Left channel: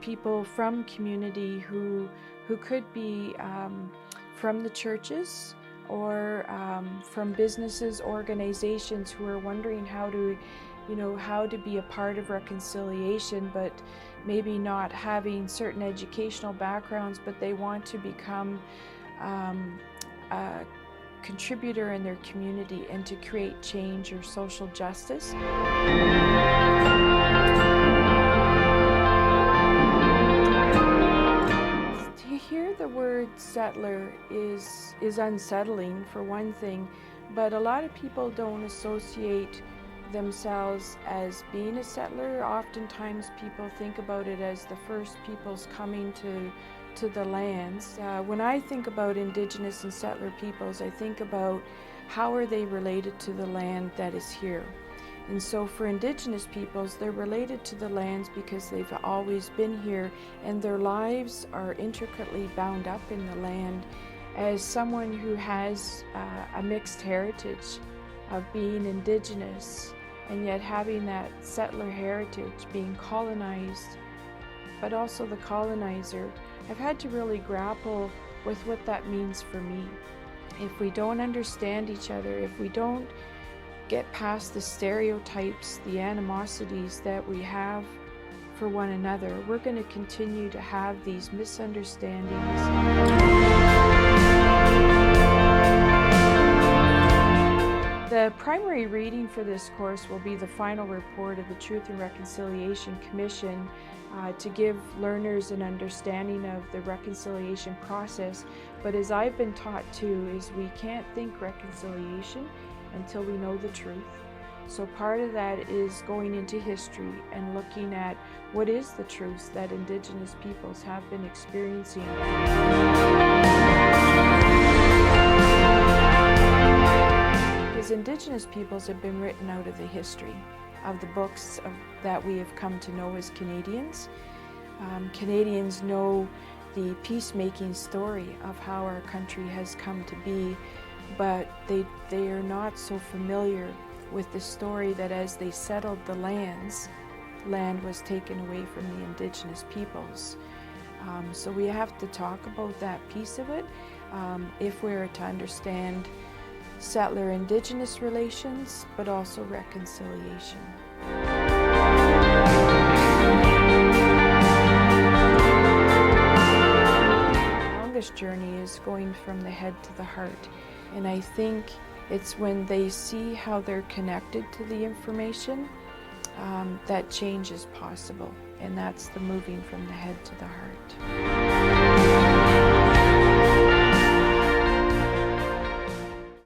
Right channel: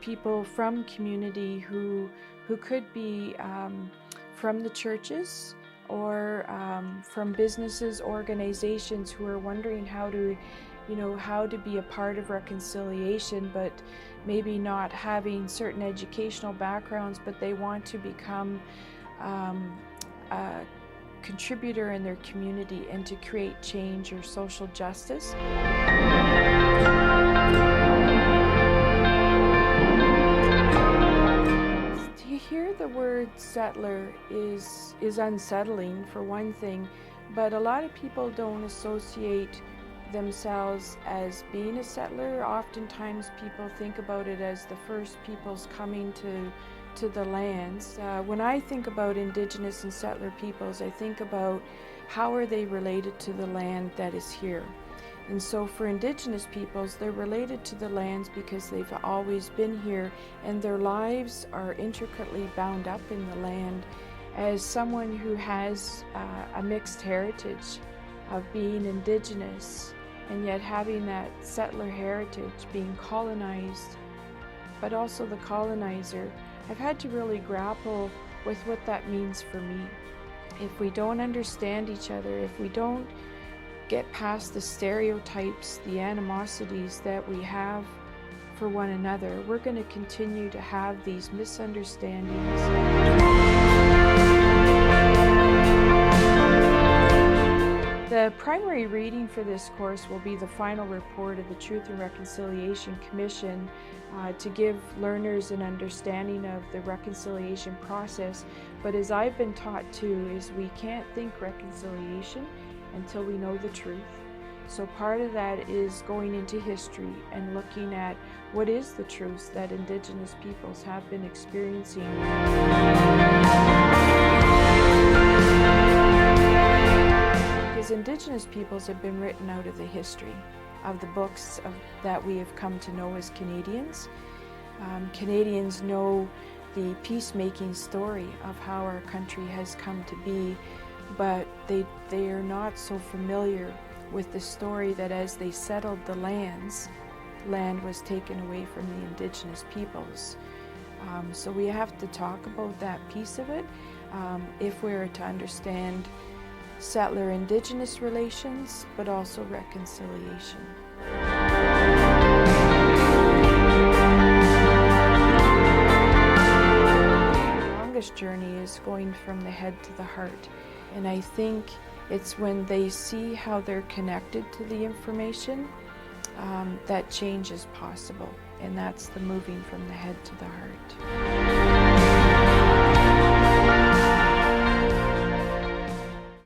people from community who could be from the churches or from businesses, organizations who are wondering how to be a part of reconciliation, but maybe not having certain educational backgrounds, but they want to become a contributor in their community and to create change or social justice. To hear the word settler is unsettling, for one thing, but a lot of people don't associate themselves as being a settler. Oftentimes people think about it as the first peoples coming to the lands. When I think about Indigenous and settler peoples, I think about how are they related to the land that is here. And so for Indigenous peoples, they're related to the lands because they've always been here, and their lives are intricately bound up in the land. As someone who has a mixed heritage of being Indigenous and yet having that settler heritage, being colonized, but also the colonizer, I've had to really grapple with what that means for me. If we don't understand each other, if we don't get past the stereotypes, the animosities that we have for one another, we're going to continue to have these misunderstandings. The primary reading for this course will be the final report of the Truth and Reconciliation Commission to give learners an understanding of the reconciliation process. But as I've been taught too, is we can't think reconciliation until we know the truth. So part of that is going into history and looking at what is the truth that Indigenous peoples have been experiencing. Because Indigenous peoples have been written out of the history of the books that we have come to know as Canadians. Canadians know the peacemaking story of how our country has come to be, but they are not so familiar with the story that as they settled the land was taken away from the Indigenous peoples. So we have to talk about that piece of it if we're to understand settler-Indigenous relations, but also reconciliation. The longest journey is going from the head to the heart, and I think it's when they see how they're connected to the information that change is possible, and that's the moving from the head to the heart.